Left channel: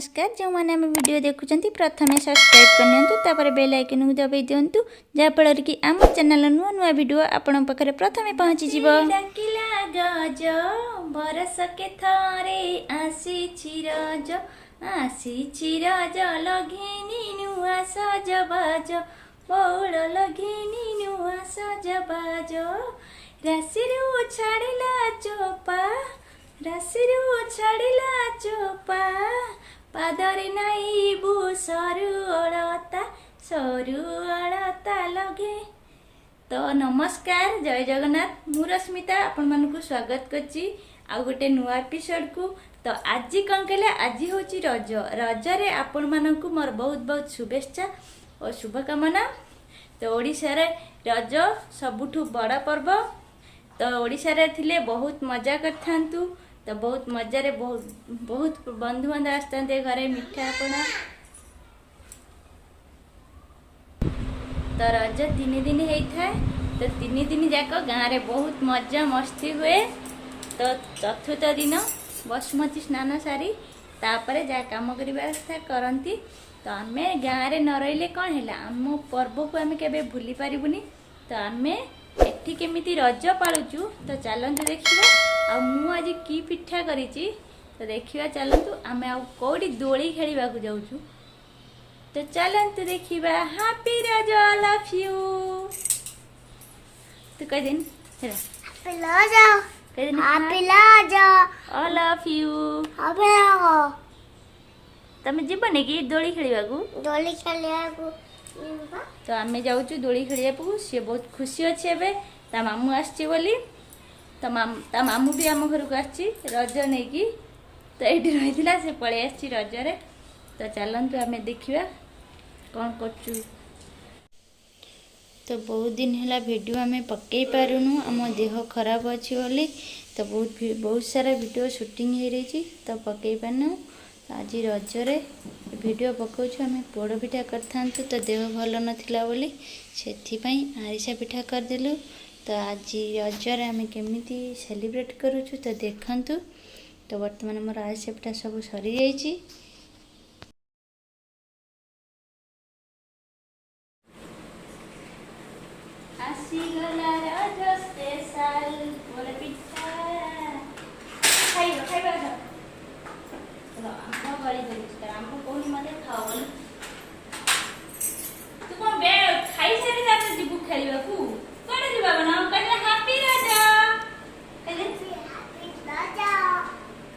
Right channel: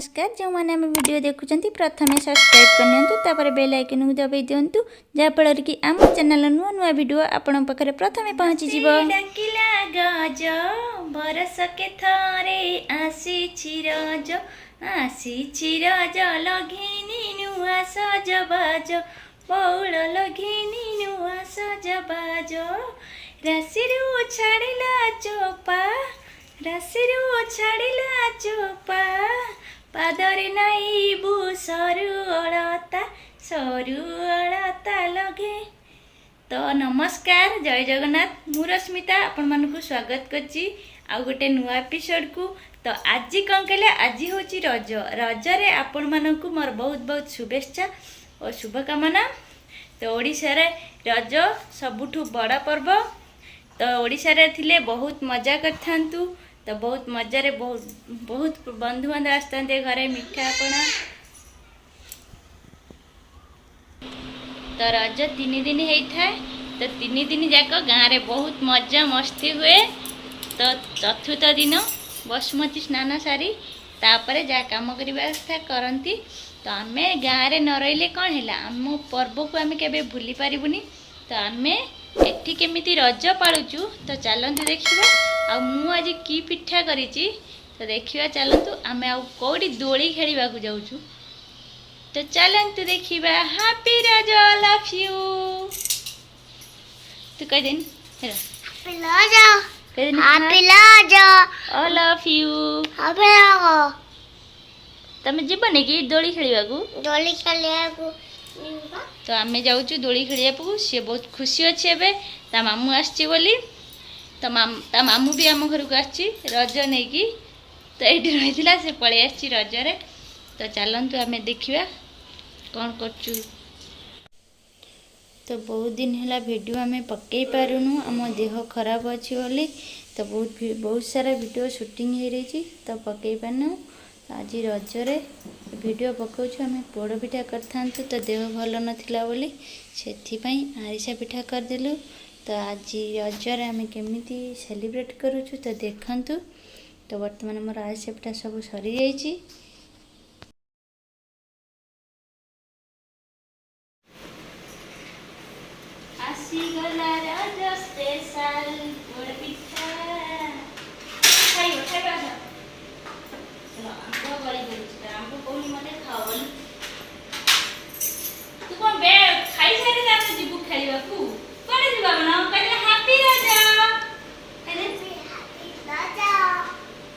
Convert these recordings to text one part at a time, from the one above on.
नमस्कार। जो मैंने आम वीडियो देखुं प्रथम सब्सक्राइब करनी बेल आइकन को दबाई दिंतु जहाँफल कि आम चैनल नुआ नुआ वीडियो आपण पाखे प्रथम पहुँची गज बरस के थरे आसी रज लघिनी नुआ सजबाज बौल लघिनी नुआ सजबाज राशिरु छाड़िला चोपा पादरे नाइबु सरू अलता लगे। तो नमस्कार, जय जगन्नाथ। मु रश्मिता आपण मानकु स्वागत करची आ गोटे नुआ एपिसोड को। तो आज कौन कहले, आज हूँ रज। रजरे आपण मानकु मोर बहुत बहुत शुभेच्छा और शुभकामना। तो ओडिशा रे रज सबुठु बड़ा पर्व। तो ओडिशा रे थिले बहुत मजा करथांतु। तो बहुत मजा रे बहुत बंधु बांधव आसते घरे मिठा पणा। तो रज 3 दिन होता है। तो 3 दिन जाक गाँव रे बहुत मजा मस्ती हुए। तो चतुर्थ दिन बसुमती स्नान सारी तापर जहाँ कम करवा करती। तो आम गाँव रे न रही कौन है, आम पर्व को आम के भूली पारूनी। तो आम एठी केमिति रज पालुचु। तो चलतु देखा मु आज की पिठा करिछि। तो देखिए चलतु आम आउटी दोली खेलवा जाऊँ। तो चलतु देखा। हैप्पी रज, लव यू। तू कह दिन लव यू। तमें जीवन कि दोली खेलवा तो आम जाऊँ दोली खेलिया। सी बहुत खुशी अच्छे एवं ता मामू आसची बोली। तो ता मामू भी आम घर को आसची रज नहीं कि। तो ये रही से पलि आसची रजरे। तो चलतु आम देखा कौन करचु। तो बहुत दिन है वीडियो आम पकई पारुनु, आम देह खराब अच्छी बोली। तो बहुत सारा वीडियो शूटिंग हो रही। तो पकई पारनु। आज रजरे वीडियो पकाऊँ आम पोड़ पिठा करता। तो देह भल नाला बोली से आरिसा पिठा करदेलु। तो आज रजरे आम केमिति सेलिब्रेट करूँ तो देखु। तो बर्तमान मोर आरिसा पिठा सब सरी जाइए। आसीगला रज स्पेशल पोड़ पिठा खाइबा। चलो आंब गली बोली आंब कौन मत खाओ बोली। तू कौन बे खाई सारे जाते जीबू खेलवा को कौन जीवा बना कहले हैप्पी रज। कहले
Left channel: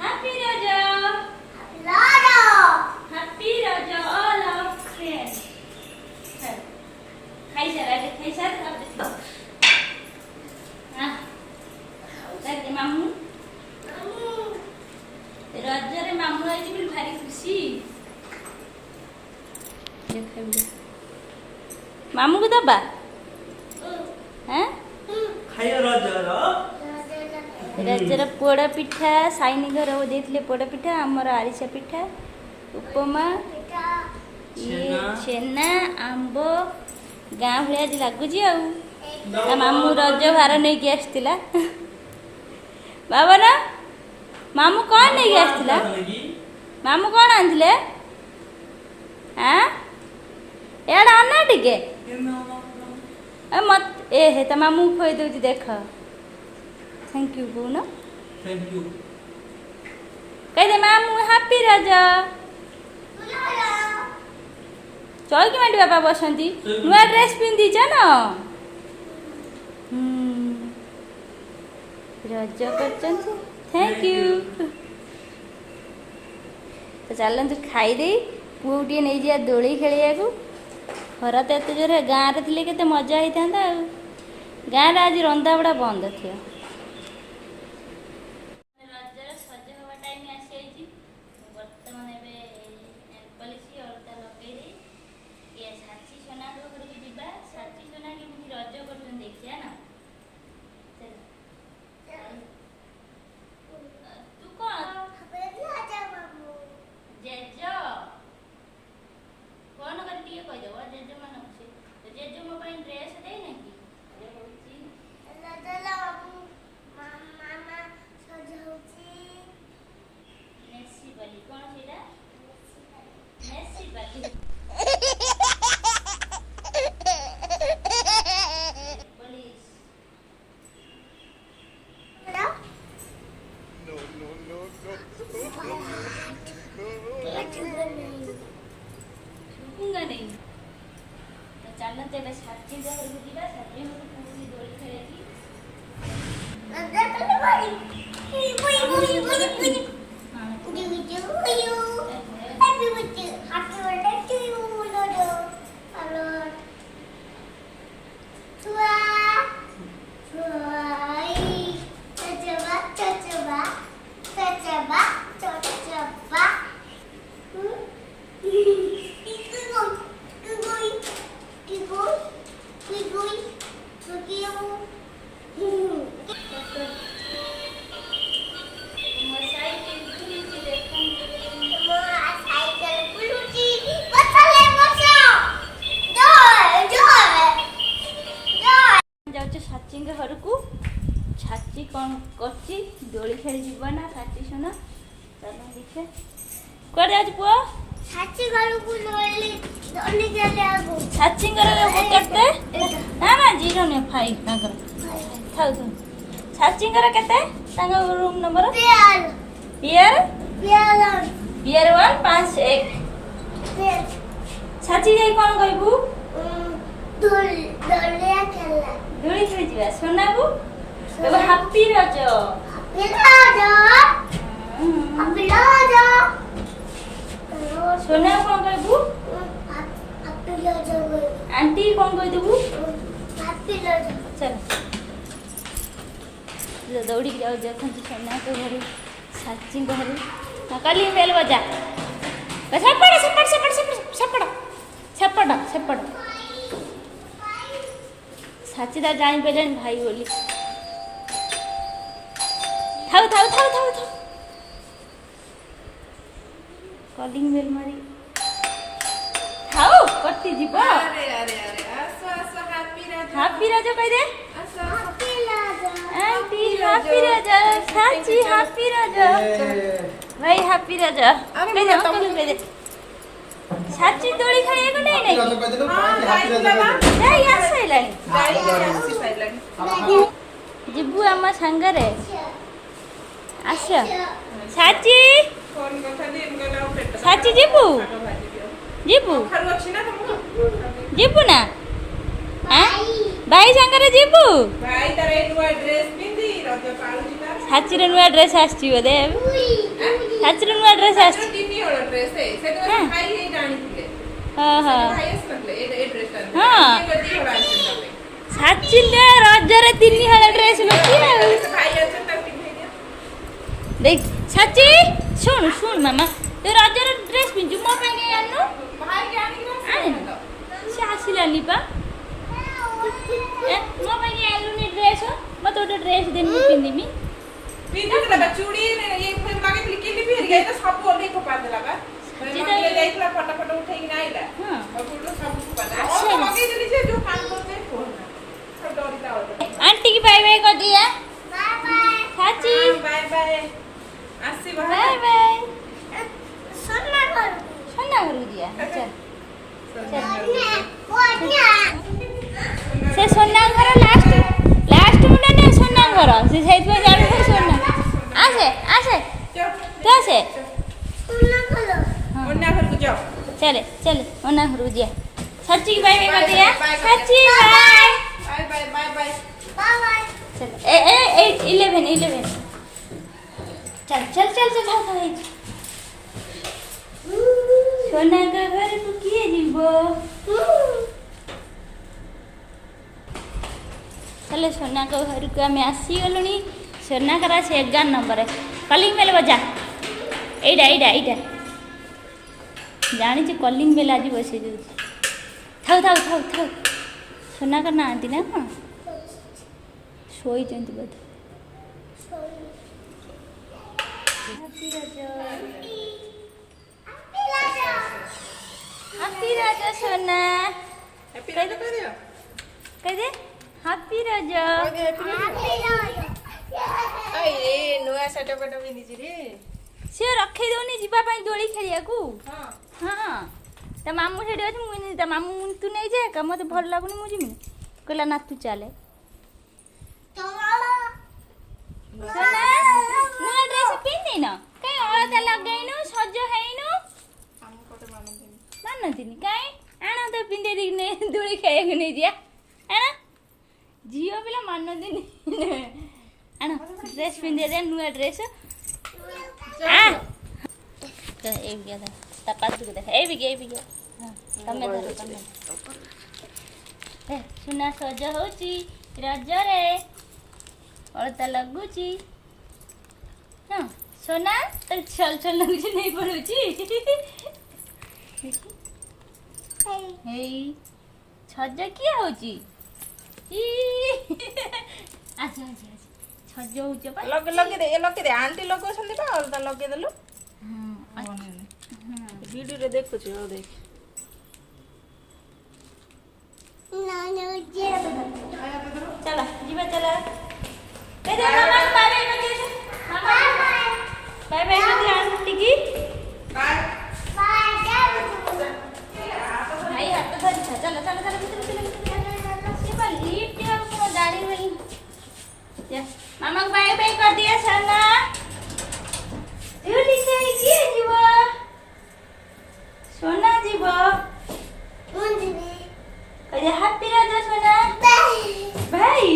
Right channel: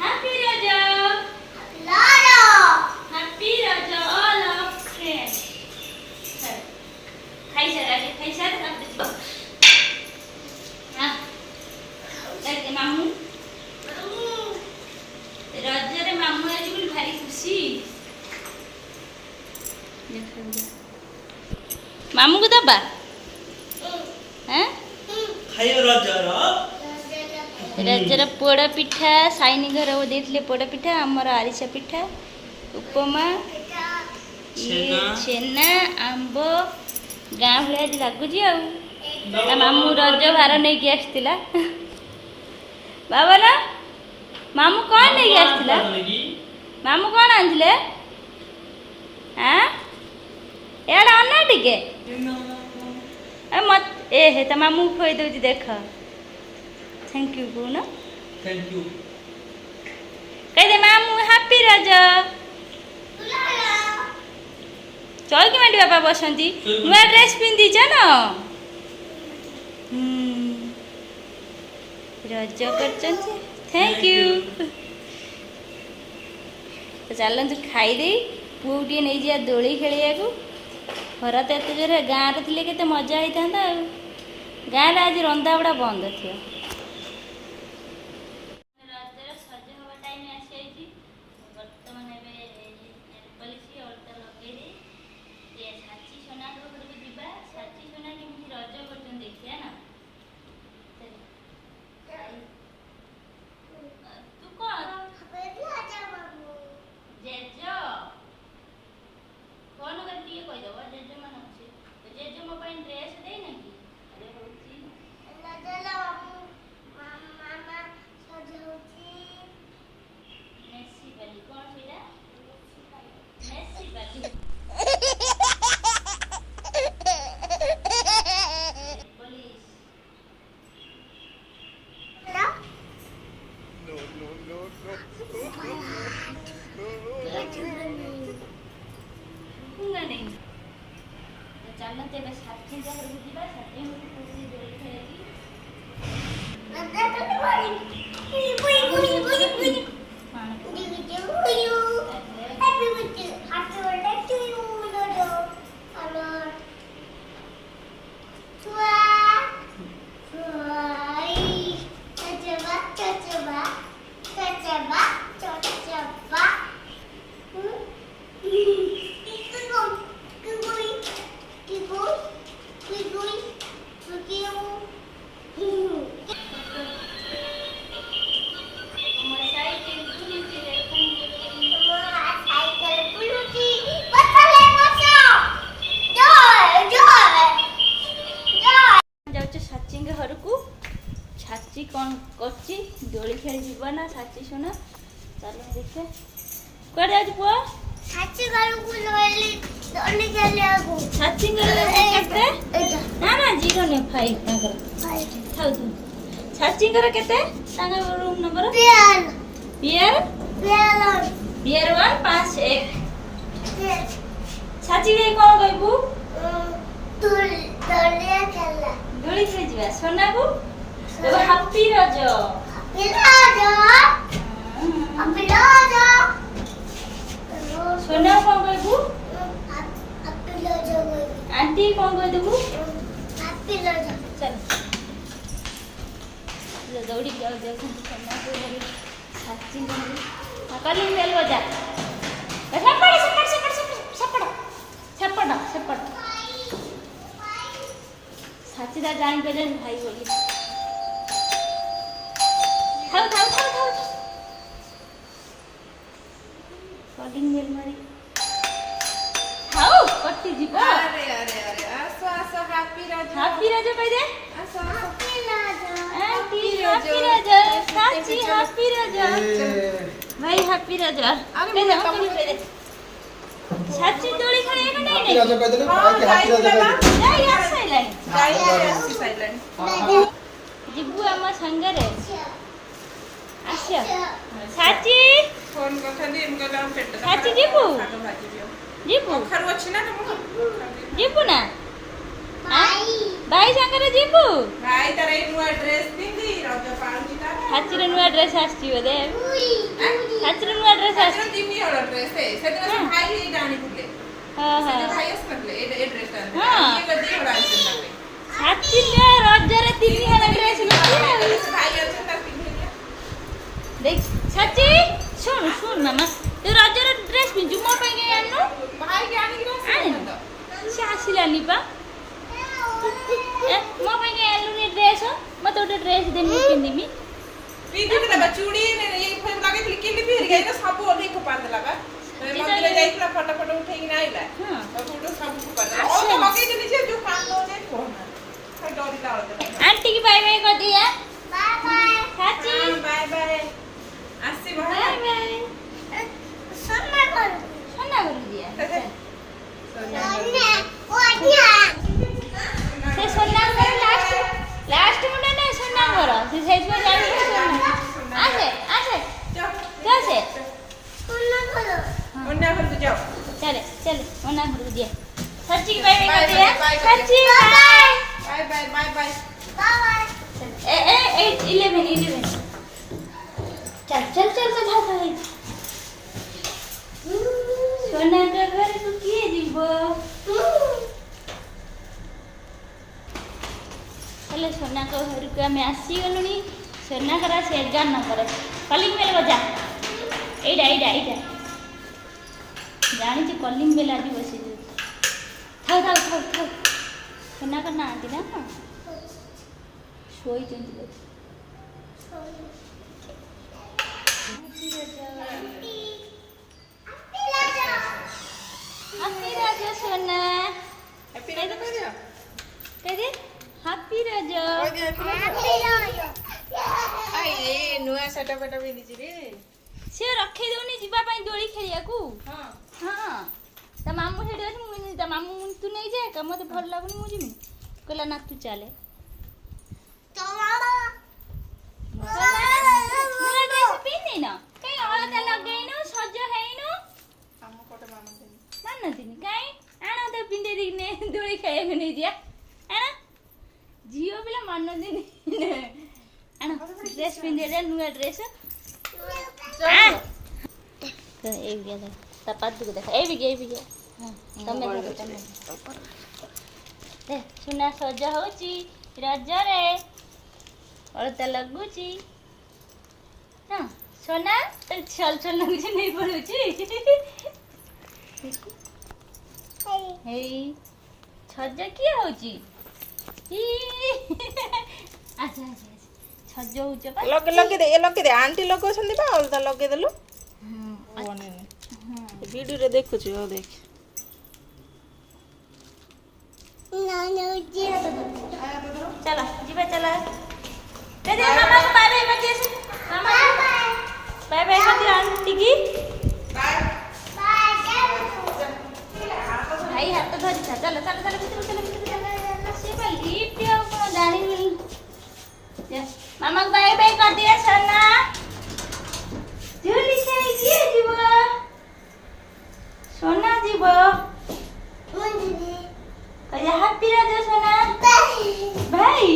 हैप्पी रज हैप्पी रज ऑल ऑफ फ्रेंड्स। खाई सारे कर दे। हां कर मामू रजरे मामू आज भी भारी खुशी। मामू को दबा रजर पोड़ पिठा साइनी घर वो देते पोड़ पिठा आमर आरिसा पिठा उपमा ये छेना आंब गाँ भाया लगुच। आ मामू रज भार नहीं कि आसला बाबा ना मामू कौन नहीं आसला। मामू कौन आनले हाँ एड़ा अन्ना टिके मत ए हे तो मामू खोई दउची देख। थैंक यू कहून। थैंक यू कह दे मामू हैप्पी रज। चौकी माटी बाबा बसंती नुआ ड्रेस पिंधीच न रज कर। Thank you. तो चलतु खाईदे पुआ टे नहीं जा दोली खेलिया को। खरा तो एत जोर गाँव रे के मजा होता। गाँव में आज रंधा बड़ा बंद थी। रजर सज हवा टाइम आसी बर्तमान पलिसी अलता लगे ये साची सोना घर को जा। साची सोना केमती रज कर देखिए ना। तू कौन जेज कौन कर कहीदेव जेज मान अच्छे। तो जेज मो ड्रेस दे ना कि ଚାଲୁଛେ ଏବେ ସାଚି ଘରକୁ ଯିବା। ସାଚି ଘରକୁ ଦୋଳି ଖେଳିକି साची घर को। साची कौन करची दोली खेली जीव ना साची सुन चलो देखे कौन जाऊ पुआ साची घर को दोली खेले आगो साची घर केते ना ना 0.5 तांगर थाउ थाउ साची घर केते तांगर रूम नंबर पियर पियर पियर पियर 151 साची गई कौन कहबू दोलिया खेला दोली खेली जीवा सोनाबू तो हैप्पी रजो सोना कौन कहबू आंटी कौन कह देबू चलो दौड़ी जाओ देखो सोना को घर साची घर कली मेल बजा सेपड़ सेपड़ सेपड़ सेपड़ सेपड़ सेपड़ साची दा जान पेलन भाई बोली थाउ थाउ थाउ थाउ कॉलिंग बेल मारी थाउ कट्टी जीवा अरे अरे अरे आसो आसो हैप्पी राजा कह दे आसो आंटी हैप्पी राजा साची हैप्पी राजा भाई हैप्पी राजा अरे कह दे तुम कह दे साची दोली खाइए को नहीं राजा कह देलो हैप्पी राजा कह ए यस लाइन साइलेंट जिबू अम्मा संगरे आसिया साची फोन कथा दे इनका गांव पेट साची जिबू जिबू खरु अछि ना तुमको जिबू ना हां भाई संगरे जिबू भाई तारे नुआ ड्रेस पिंदी रज पाळु जिता साची रे नुआ ड्रेस आछी बोदे साची रे नुआ ड्रेस आछी तीन हळ ड्रेस है सेदिन भाई हे जानी पुके हां हां भाई अस लगले ए ड्रेस ता हाँ। ये गदी हळ आछन तापे साची ने रजरे तीन हळ ड्रेस लकी भाई अछन ता पिंदे देख साची सुन सुन मामा ते रजरे ड्रेस पिंजु मो पे गए आनु भाई के आनी ना आने ना से आसिलानी पा मो पे गए आलू ने ड्रेस मत ओटे ड्रेस देनी पिंदिमी पिंदी के लगा चूड़ी ने ये कोई मागे लिखि लिखि फिर गए तो सब ओले को पाद लगा मंदिर जाइला फटाफट उठेई ना आइला हां और फोटो सब को पाद और लगे जनी जे जो काम होते फोन सब डोरी डाल दे आंटी की बाय बाय कर दिया बाय बाय साची बाय बाय आसी बाय भाई बाय सोना घर सोना गुरु दिया अच्छा सोना ओनिया से सोना घर लास्ट लास्ट मुंडा ने सोना घर से सेज में जान सोना आसे आसे कैसे सोना घर मुन्ना घर को जाओ चले चले सोना गुरु दिया साची की बाय बाय कर दिया Sachi bye bye bye bye bye bye चल ए 11 चल चल चल चल भाई सोना का घर तू किए जीवो चले सोना का घर को हमें आसी गलुनी सोना घर से 11 नंबर है कलिंग बेल बजा एडा एडा एडा जानी छी कलिंग बेल आज बसे दे थाउ थाउ थाउ थाउ सोना का ना आंती ना कौन सोई जंती बोध हैप्पी राजा सोना हैप्पी राजा कह दियो कह दे हैप्पी राजा आए नुआ सेट पेट भी नीचे रे से रखे दोनी जीवा पई दोली खेलिया को हां हां त मामू सेठी अछि मु त मामू तू नहीं जे का मते भल लागुनी मु जिमी कहला ना तू चले नुआ ड्रेस पिन्नी न कई अलता लगैनो सज हैनो हम कोटे मामन देनी मान दिन कई आना त पिंदे दिने ଦୋଳି ଖେଳିବାକୁ ନେଇଯିବା ଆଣ ଝିଅ ପିଲା ମାନନ୍ତିନି ଆଣ ଡ୍ରେସ୍ ପିନ୍ଧିବା ନୂଆ ଡ୍ରେସ୍ ଏଇ ବିକା ତା ପାଦକୁ ଦେଖ ଏଇ ବିକା ତମେ ଧର ତମେ ସୁନା ସଜ ହଉଛି ରଜରେ ଅଳତା ଲଗୁଛି ହଁ सोना तो छल छल लगुଛି नहीं पड़ुଛି हेई छज किए होची अच्छा अच्छा छज होचे पा लगे दे आंटी लगोछंदी बा अलता लगे देलु वीडियो रे देखुछी ओ देख ना ना जे चलो जीवा चलो दे मामा बाय बाय मत मामा बाय बाय मत आंटी की बाय भाई हाथ धरि था चलो चलो चलो से पा लिफ्ट और को जानी नहीं या मामा बाय बाय कर दिया सोना झूली के किए जीव सोना जीव कौन जी कहे हैप्पी रज सोना भाई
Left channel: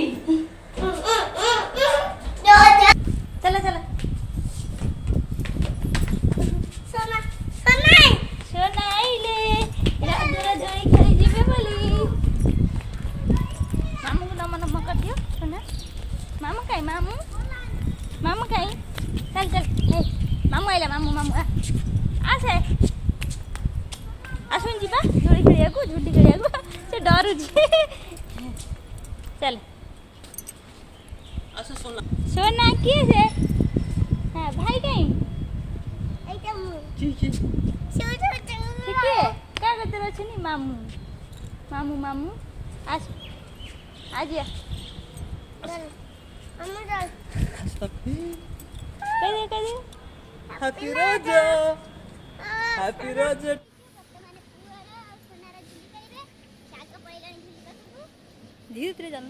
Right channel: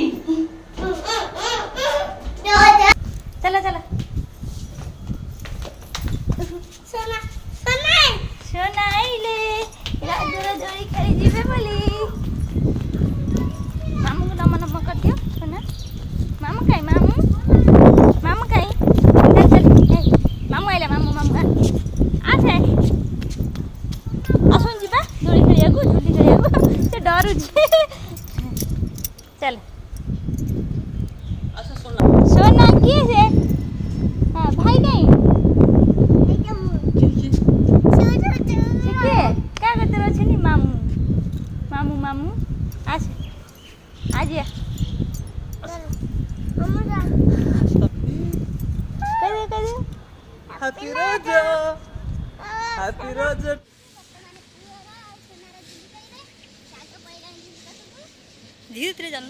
चलो चलो सोना सोना सोना आइले राजरा दोली खेली जीवे बोली मामू को नमन कर दियो सोना मामू काई मामू काई चल मामू आइला मामू आसे आसन जीवा दोली खेलिया से डर चल सोना किए से हाँ भाई नहीं क्या करते रहो नहीं मामू आस आज हैप्पी रोज धीरे धीरे जान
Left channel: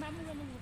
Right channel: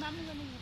मामू